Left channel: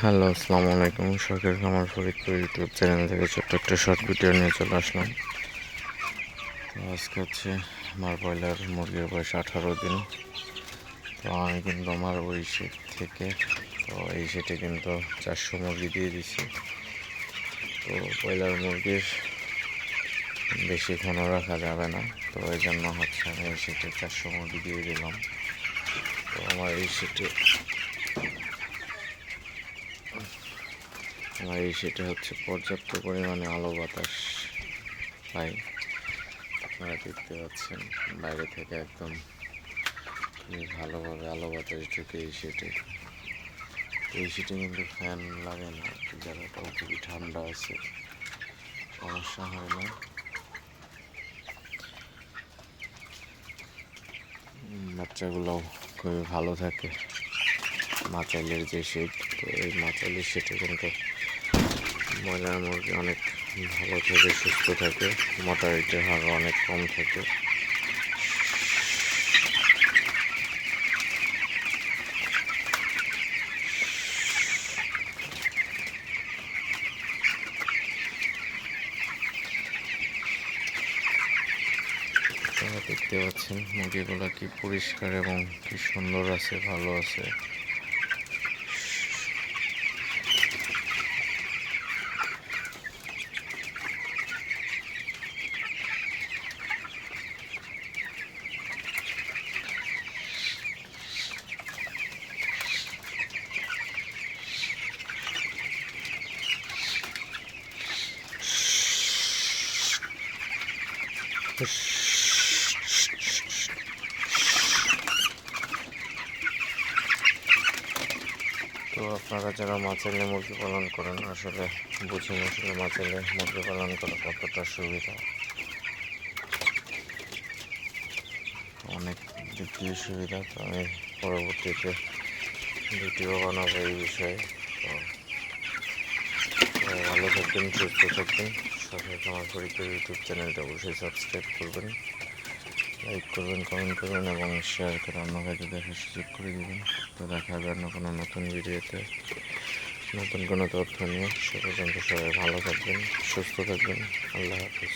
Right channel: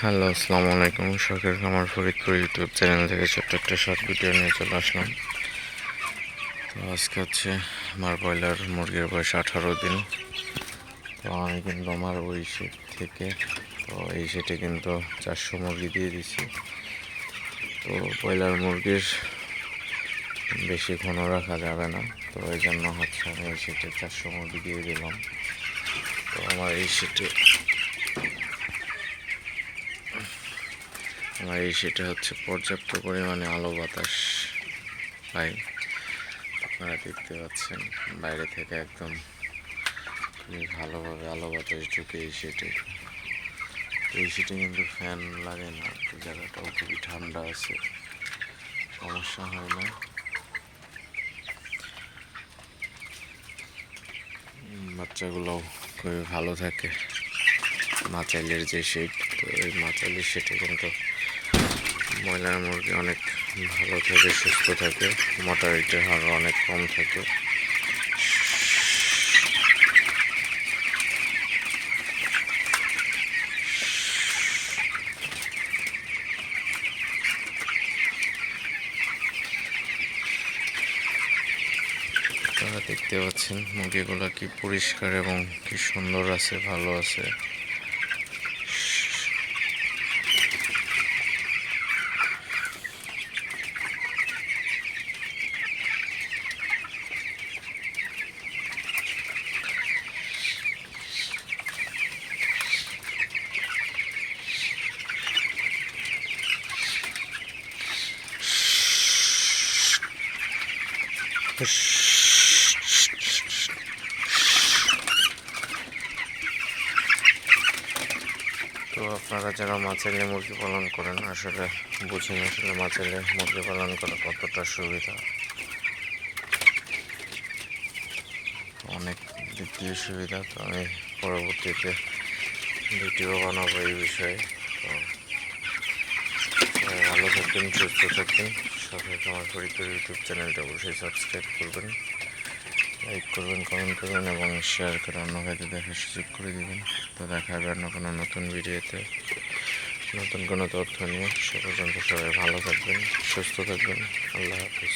Hello, আসসালামু আলাইকুম। শখের খামার ফরিদপুর ইউটিউব চ্যানেল থেকে ছোট্ট একটা শর্ট ভিডিও নিয়ে চলে আসলাম। তো আজকে হচ্ছে আমার ব্রয়লার মুরগির বয়স আঠারো দিন। তো আমি কিন্তু আমার ওই সেট থেকে, তো এই সেটে কিন্তু চারশো মুরগি দিয়ে দিছি। তো ব্রয়লার মুরগির বেশি ঘন রাখা যাবে না। তো এই জন্য হচ্ছে আমি এই সেটে চারশো মুরগি দিয়ে দিলাম। তো আমার এই সেটে আমার এই সেটা হচ্ছে পর্যাপ্ত পরিমাণে আলো বাতাস। পাই আপনারা দেখতে পাচ্ছেন, বাইরে থেকে একদম খুবই ভালোভাবে আলো বাতাস ঢুকে এই সেটে এই সেটে কিন্তু ফ্যান লাগে না জায়গাটাও খুবই ঠান্ডা আছে। সমস্যা হয় না। বাচ্চাগুলোও খুবই ভালো থাকে। মাচাইলের যে শেড তো এই মাচাইলের সেটে কিন্তু ব্রয়লার মুরগি অনেক ভালো থাকে, সুস্থ থাকে মর্টালিটির হার অনেক কম থাকে। দেখতে পাচ্ছেন মুরগিগুলো কি পরিষ্কার এবং কি সুন্দর আছে, ভালো আছে। তো আপনারা যারা মাছেলে মুরগি পালন করেন, আসলে বুঝেন আসলে মাছেলে মুরগি পালন করা কতটা সুবিধা। অনেক দিক দিয়ে সুবিধা, তো আমি পরবর্তীতে ভিডিও বানাবো এই বিষয়ে। তো ভালো থাকবেন, সুস্থ থাকবেন। সাথে আমার পরিচয় ইউটিউব চ্যানেলটা অবশ্যই সাবস্ক্রাইব করবেন, লাইক করবেন, কমেন্ট করবেন এবং শেয়ার করে অন্য কাজে দেখার সুযোগ করে দেবেন। তো দেখা হবে অন্য কোনো নতুন ভিডিওতে। নতুন কোনো তথ্য নিয়ে। সে পর্যন্ত সবাই ভালো থাকবেন, সুস্থ থাকবেন। আল্লাহ হাফিজ।